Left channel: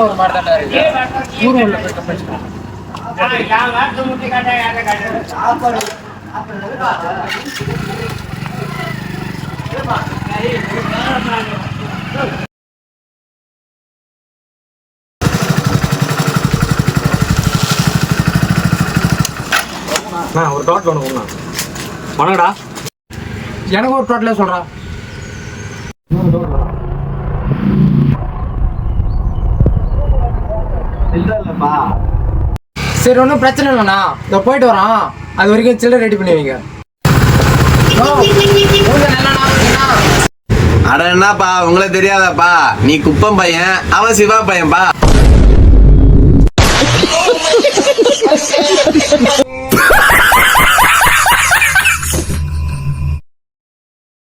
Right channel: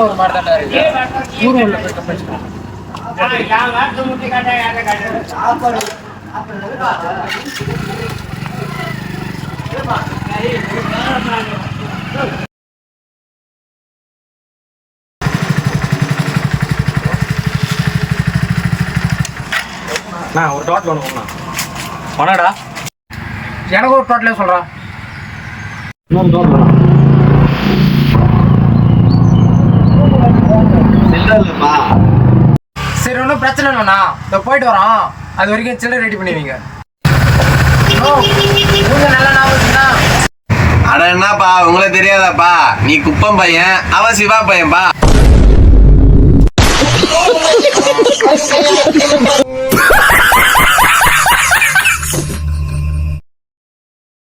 ஒரு மாதிரி தானே இருக்கு. ஊர்வல போய் பேசுறேன். ஒரு டோட்டல் ஒன்று வணக்கடா. எனக்கு ஒரு டோட்டலே சொல்கிறேன். சரி, ஒன்றும் பிரச்சனை இல்லைண்ணா. இதை போயிட்டு வரோம். அது வரைக்கும் சில்லறை ரெடி பண்ணி வைங்க. அட என்னப்பா உங்களை தெரியாதாப்பா? நீ குப்பம் பையன், அவன் சிவா பையன்பா.